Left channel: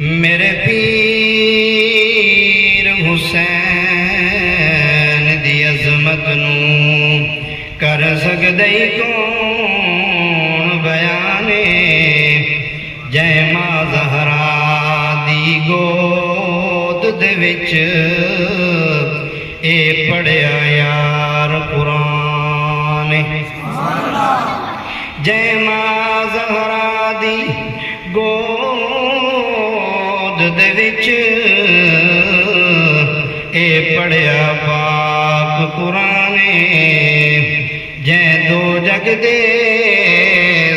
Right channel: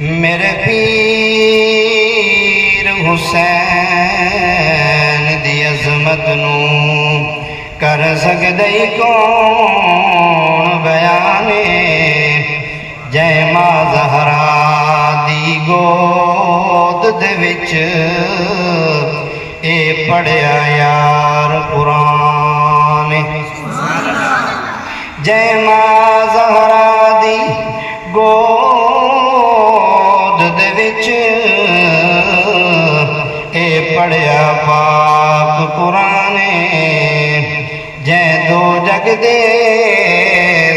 میرے پیر حسین دی عظمت نو کر سکدے کون بیانے جے ماں زہرا دی گود دے وچ اے پڑھیا یار قرآن جے ماں زہرا دی گود دے وچ اے پڑھیا پاک قرآن جے دو جگ دے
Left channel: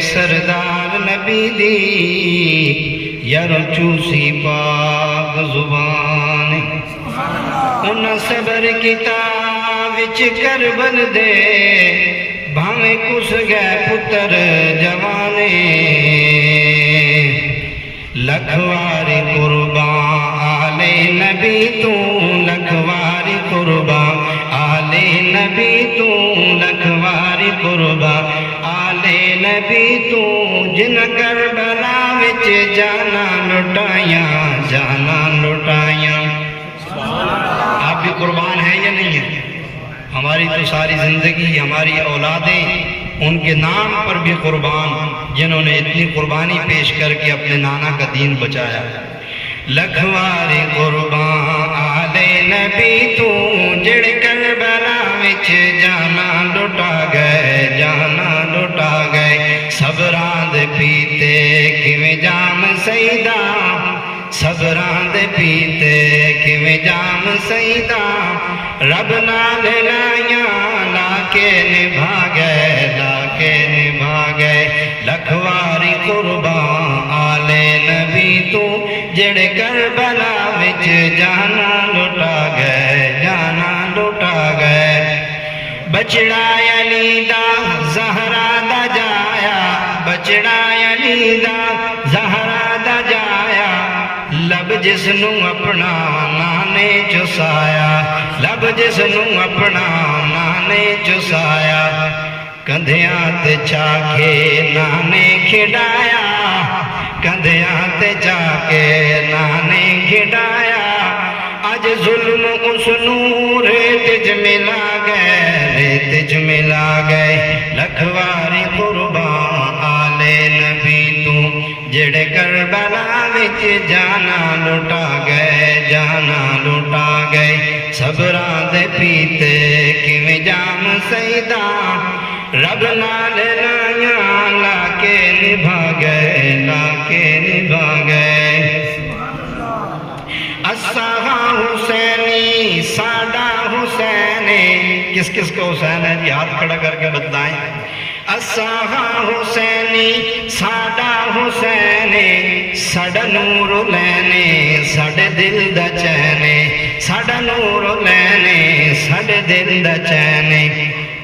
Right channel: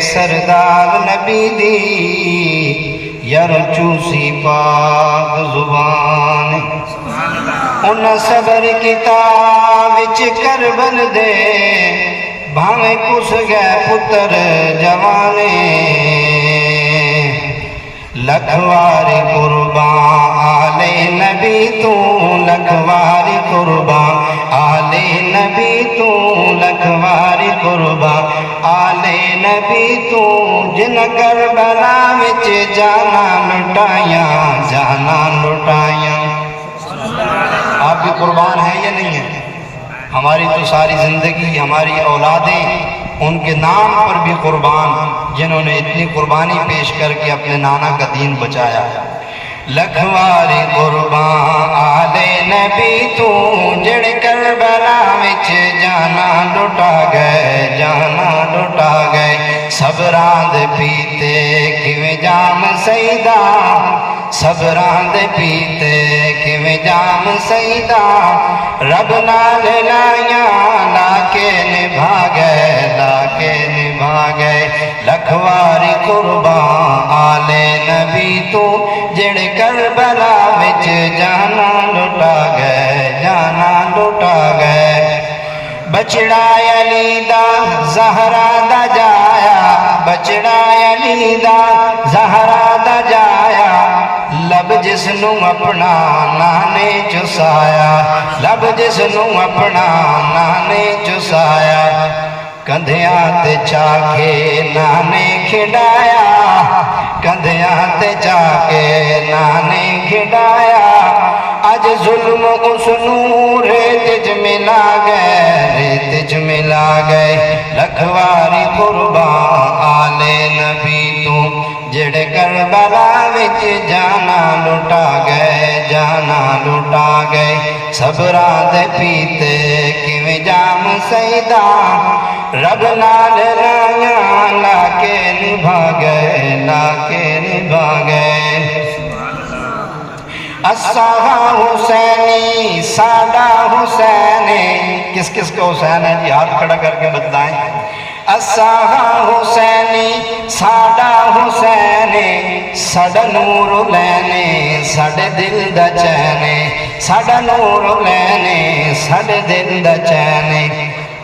سردار نبی دی یر چوسی پاک زبان ان صبر کتاب وچ کربل دے بھاویں کس گئے پتر جوانے لکھواری قربان آلے نبی تو لکھواری قربان آلے نبی تو لکھواری قربان آلے نبی تو جن کربلا وچ جانا لٹائیاں جانا لٹائیاں آپ بھی قربان ہے یا نہیں ہے؟ ہماری تو ساری زندگی ہماری اولادیں ان کے نام پر بھی قربان جنہوں نے اتنی قربانی پیش کر کے اپنے نانا کا دین بچایا لکھواری قربان آلے نبی تو جڑ کربلا وچ جانا لٹا گئے صبراں دے پیتے کیویں جام سیدہ صبراں دے پیتے کیویں جام سیدہ رب نال لائیاں لا کے نبھا گئے لکھواری قربان آلے نبی تو جڑ کربلا وچ جانا لٹا گئے بچڑا علی دا زہرا دا جایا بچڑا علی دا زہرا دا جایا لب جس نو اپنا نانے چسایا لب جس نو اپنا نانے چسایا کندھیاں تے چاکے نانے کھڈایا کندھیاں تے چاکے نانے کھڈایا اج ظلم اس نور ریت چ ملا گئے لکھواری قربان آلے نبی تو جڑے کربلا وچ جانا لٹا گئے صبراں دے پیتے کیویں جام سیدہ رب نال لائیاں لا کے نبھا گئے اساہا حسینی ساڈا حسین کس کس کو حسین ہے یہ ہاتھ کھڑا کر کے بتلائیں اساہا حسینی ساڈا حسین ساڈا نور لینے ساڈے دل دا چین ساڈا نور لینے ساڈے دل دا چین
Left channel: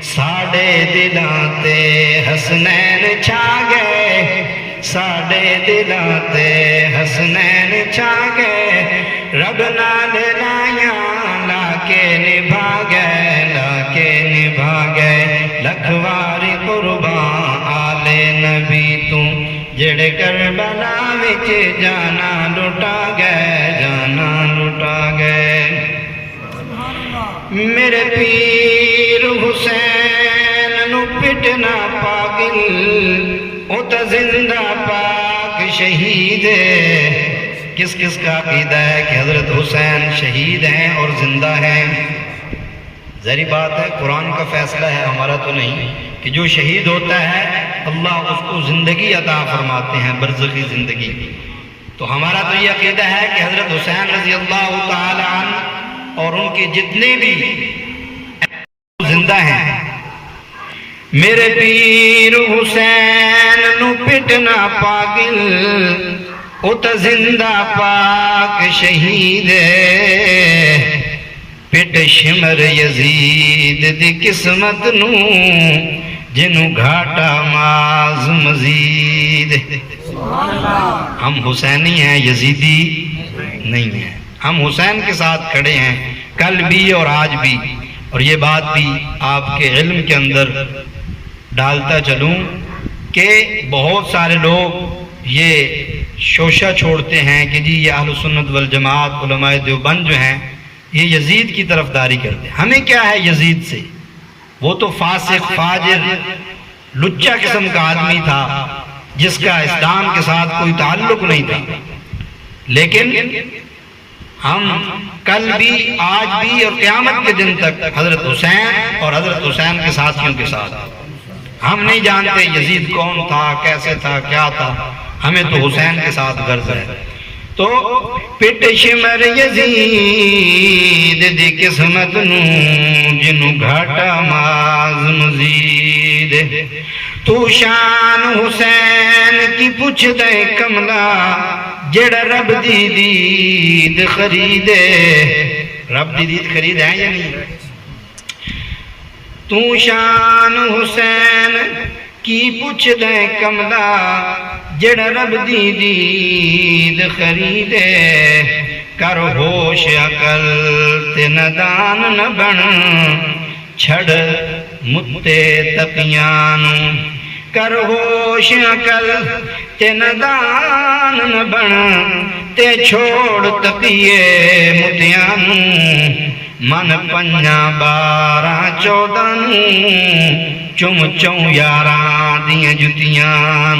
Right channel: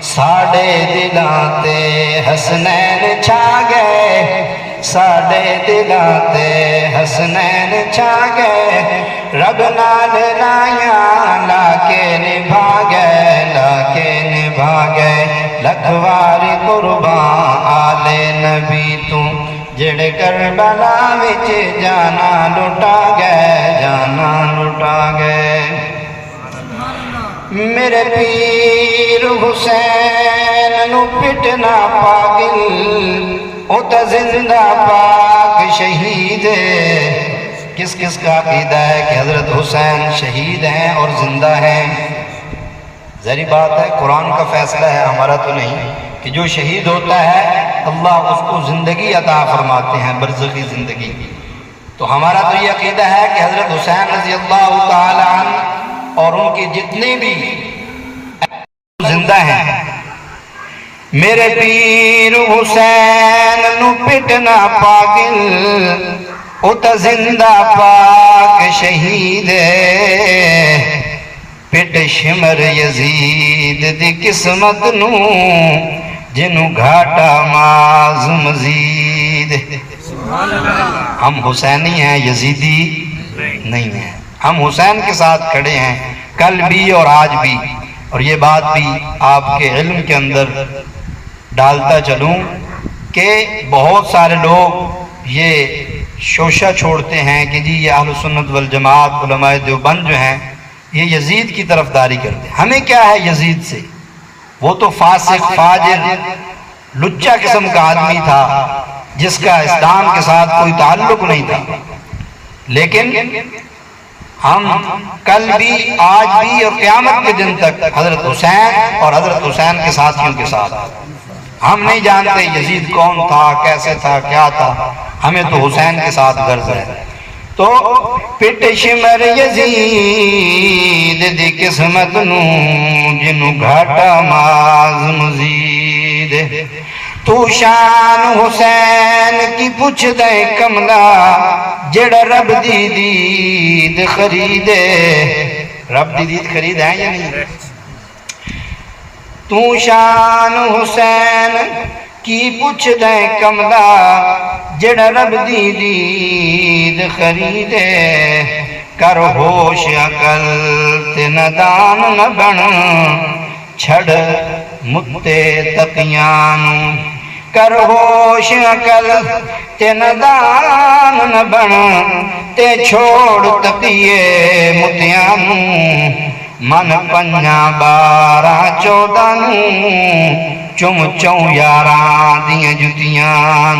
ساڈے دلاں تے حسنین چھا گئے ساڈے دلاں تے حسنین چھا گئے رب نال لائیاں لا کے نبھا گئے لکھواری قربان آلے نبی تو جڑے کربلا وچ جانا لٹا گئے میرے پیر حسین نو پٹنا پاگل او تا زندہ پاک شہید ہے کس کس کا عقیدہ ہے کہ حضرت حسین شہید ہیں اور زندہ ہیں ظاہری بات ہے قرآن کا فیصلہ ہے ہمارا تو نہیں کہ جو شہید ہوتا ہے اللہ اس کو زندگی عطا فرماتے ہیں برزخی زندگی تو ہمارا تو یہ عقیدہ ہے کہ حضرت حسین رضی اللہ تعالی عنہ اور ان کے جتنے بھی زندہ ہیں میرے پیر حسین نو پٹنا پاگل او تا زندہ پاک شہید پٹ شمر یزید دی قسمت نو جنو گھاٹا ماز مزید ہم حسینی ہیں یزیدی نہیں ہیں ہم حسین کے ساتھ کھڑے ہیں کل بھی اور آج بھی اور یہ بات بھی آپ کے علم کے اندر ڈالتا چلوں کہ بہت سارے لوگ یہ شوشہ چھوڑتے ہیں کہ جی یہ اہل سنت والجماعت علماء دیوبند جو ہیں یہ یزید کی طرفداری کرتے ہیں. ہمیں کیا ہے یزید سے؟ وہ تو فاسق فاجر لچا قسم کا آدمی تھا جس کا اسلام کے ساتھ کوئی تعلق نہیں تھا. لیکن ہم کل بھی آج بھی اور قیامت کے دن تک حضرت حسین اور حضرت حسین کے ساتھیوں کے ساتھ. ہم نہیں جانتے یزید کون تھا، کیسے تھا، کیا تھا، ہمیں تو حسین کے ساتھ غرض ہے. تو پٹ شمر یزید دی قسمت نو جنو گھاٹا ماز مزید. تو شان حسین کی پوچھ دے کملا جڑا رب دی دید خریدے. رب دی دید خرید ہے یا نہیں؟ تو شان حسین کی پوچھ دے کملا جڑا رب دی دید خریدے. کر ہوش عقل تے ندان نہ بن چھڑ متے تقیان. کر ہوش عقل تے ندان نہ بن تے چھوڑ تقیے متیان. من پنجا بارہ چودہ چم چوں یاراں دیاں جتیاں.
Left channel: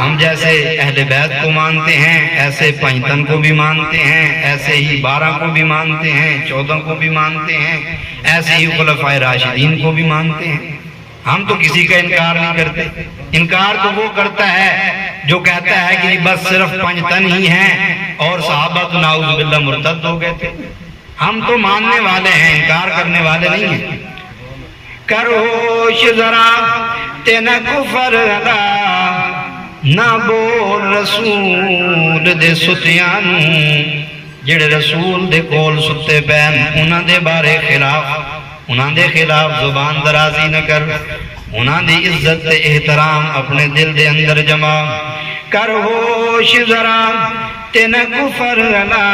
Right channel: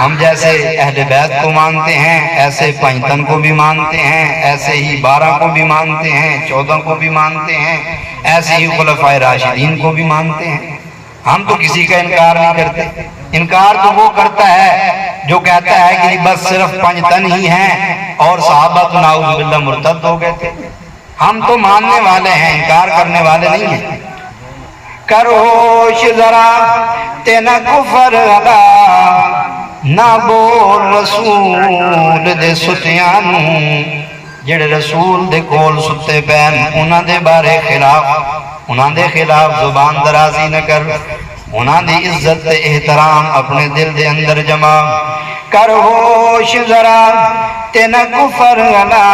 ہم جیسے اہل بیت کو مانتے ہیں ایسے پنجتن کو بھی مانتے ہیں، ایسے ہی 12 کو بھی مانتے ہیں، 14 کو بھی مانتے ہیں، ایسے ہی خلفائے راشدین کو بھی مانتے ہیں. ہم تو کسی کا انکار نہیں کرتے. انکار تو وہ کرتا ہے جو کہتا ہے کہ بس صرف پنجتن ہی ہیں اور صحابہ تو نعوذ باللہ مرتد ہو گئے تھے. ہم تو ماننے والے ہیں، انکار کرنے والے نہیں ہیں. کر ہوش ذرا تے نہ کفر ادا نہ بول رسول دے ستیان. جڑے رسول دے کول ستے پین انہاں دے بارے خلاف، انہاں دے خلاف زبان درازی نہ کر. انہاں دی عزت تے احترام اپنے دل دے اندر جمع. کر ہوش ذرا تے نہ کفر ادا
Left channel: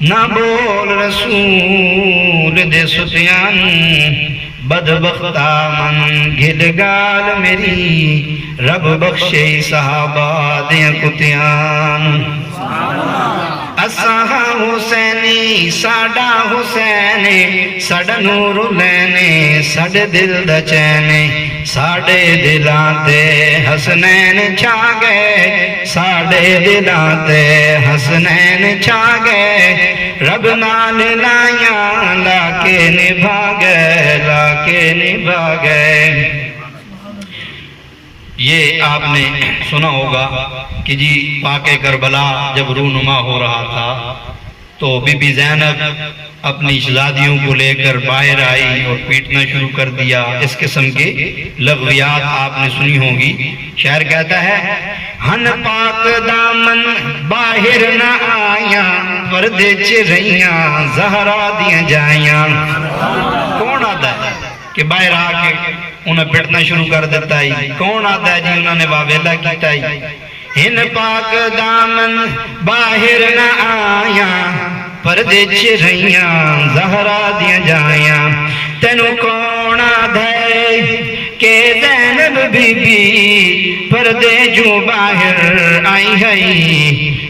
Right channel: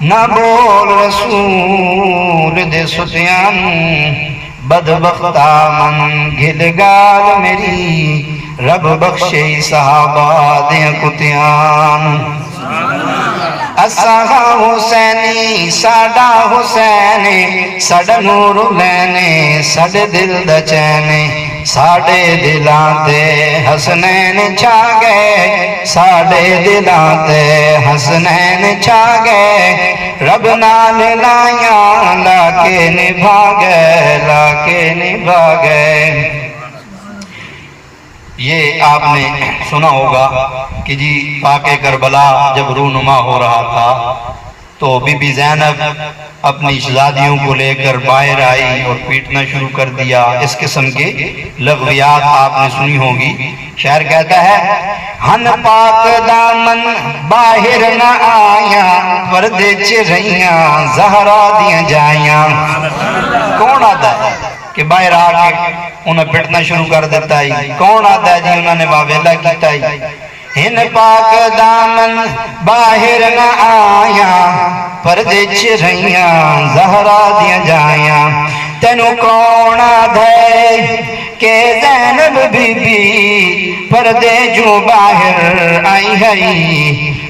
نہ بول رسول دے ستیان. بدبختہ من گھد گال میری رب بخشے صحابہ دے کتیان. اساں حسینی ساڈا حسین ساڈا نور لینے ساڈے دل دا چین. ساڈے دلاں تے حسنین چھا گئے، ساڈے دلاں تے حسنین چھا گئے. رب نال لائیاں لا کے نبھا گئے، لا کے نبھا گئے. یہ آپ نے سنا ہوگا کہ جی پاک کربلا جب رونما ہو رہا تھا تو بی بی زینب اپنی شہزادیوں کو لے کر باہر آئی اور پیٹنا شروع کر دیا. اس قسم کے لغویات آپ نے سنی ہوگی. شاعر کہتا ہے ہن پاک دامن باہر نہ آیا پردے چ رہیاں زہرا دیاں جائیاں. کون آتا ہے کہ باہر آ کے انہیں پٹنا شروع کر دیتا ہے؟ کون آتا ہے جی انہوں نے واویلا کیتا ہے؟ ہن پاک دامن باہر نہ آیا پردے چ رہیاں زہرا دیاں جائیاں. تینو کون آدھے کہ زینب بی بی پردے جو باہر آئی ہے.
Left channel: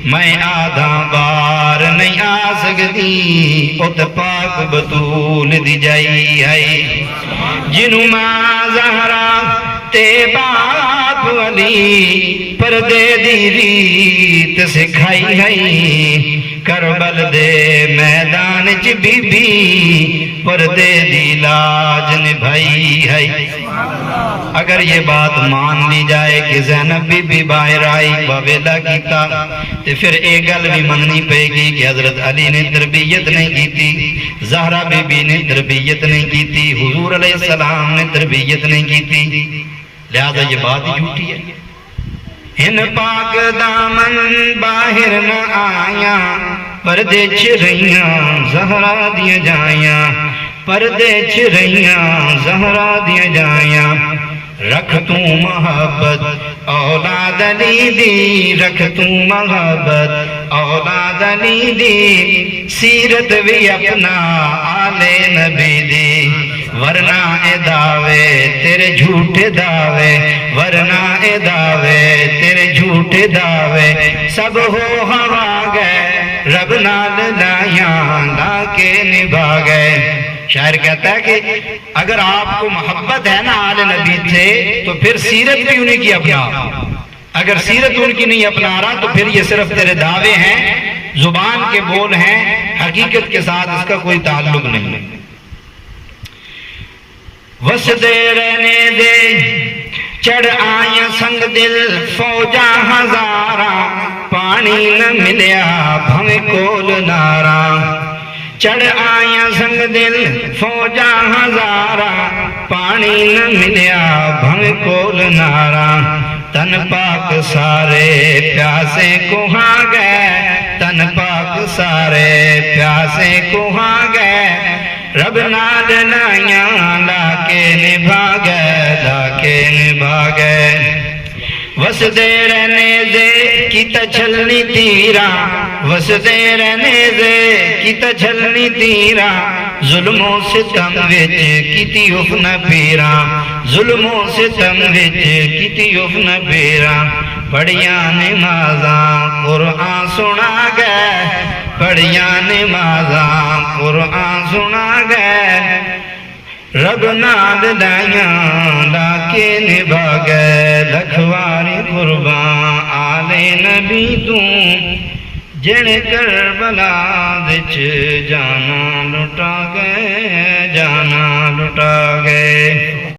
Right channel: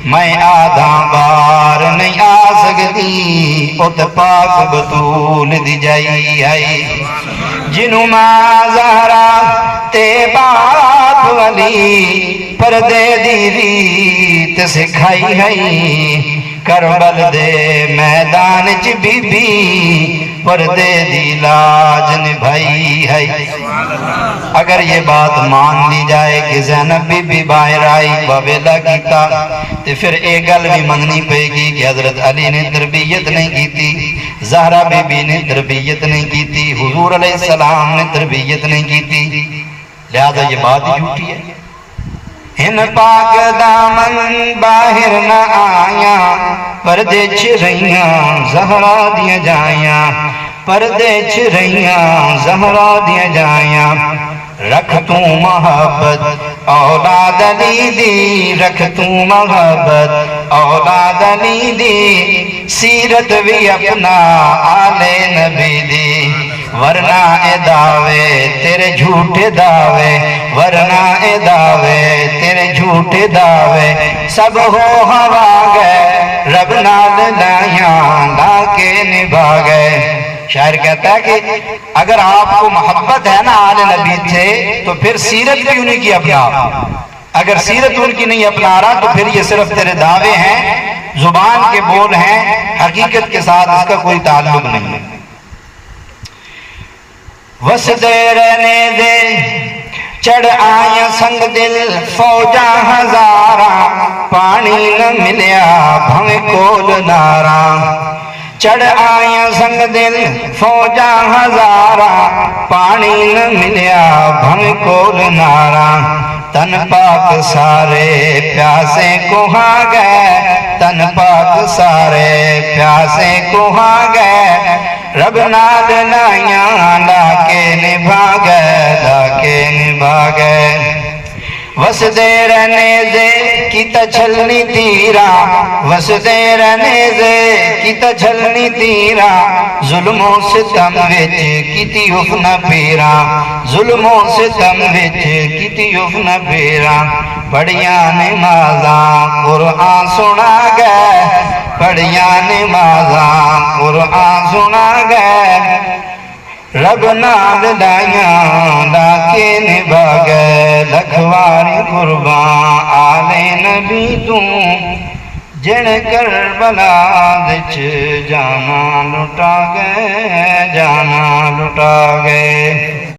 میں آدھا بار نہیں آ سکتی ات پاک بطول دی جائی ہے. جنوں ماں زہرا تے باپ والی پردے دی ریت سکھائی ہے. کربل دے میدان چ بی بی پردے دی لاج نبھائی ہے. اگر یہ بات مان لی جائے کہ زینب بی بی باہر آئی واویلا کیتا تو پھر ایک گل بھی مننی پے گی کہ حضرت علی نے تربیت نہیں کیتی، زہرا بی بی نے تربیت نہیں کیتی، حضور علیہ السلام نے تربیت نہیں کیتی. لہذا یہ بات جھوٹی ہے. ہن پاک دامن باہر نہ آیا پردے چ رہیاں زہرا دیاں جائیاں. پردے چ رہیاں زہرا دیاں جائیاں. رکھ تو محبت اولاد علی دی، رکھ تو محبت اولاد علی دی. سیرت بھی اپنا آل نبی دی. ورنہ اے دعوے تیرے جھوٹے دعوے، ورنہ اے دعوے تیرے جھوٹے دعوے، سب ہو ہوا گئے رب نال لائیاں لا کے نبھا گئے۔ شاعر کہتا ہے کہ اگر آپ کو محبت ہے نا آل نبی سے تو پھر سیرت کیوں نہیں کی اپنا؟ اگر سیرت ان کی نہیں اپنا رہا تو پھر یہ صرف تیرے دعوے ہیں، زبان کے بول ہیں، حقیقت کے ساتھ اس کا کوئی تعلق نہیں۔ وسدے رہنے دے چڑھ آئیں سنگ دل فوجاں ہزاراں، پانی نہ ملیا بھویں کول ناراں، چڑھ آئیں سنگ دل فوجاں ہزاراں، پانی نہ ملیا بھویں کول ناراں، تن پاک سارے پیاسے کوہاں گئے، تن پاک سارے پیاسے کوہاں گئے، رب نال لائیاں لا کے نبھا گئے، لا کے نبھا گئے۔ وسدے رہنے دے کیتا چھلنی تیراں، وسدے رہنے دے کیتا چھلنی تیراں، ظلم و ستم وچ کیتی حفن پیراں، ظلم و ستم وچ کیتی حفن پیراں، پڑھیاں نمازاں قرآن سنا گئے، پڑھیاں نمازاں قرآن سنا گئے، رب نال لائیاں لا کے نبھا گئے، لکھواری قربان آل نبی تو، جن کربلا وچ جانا لٹا گئے، جانا لٹا گئے۔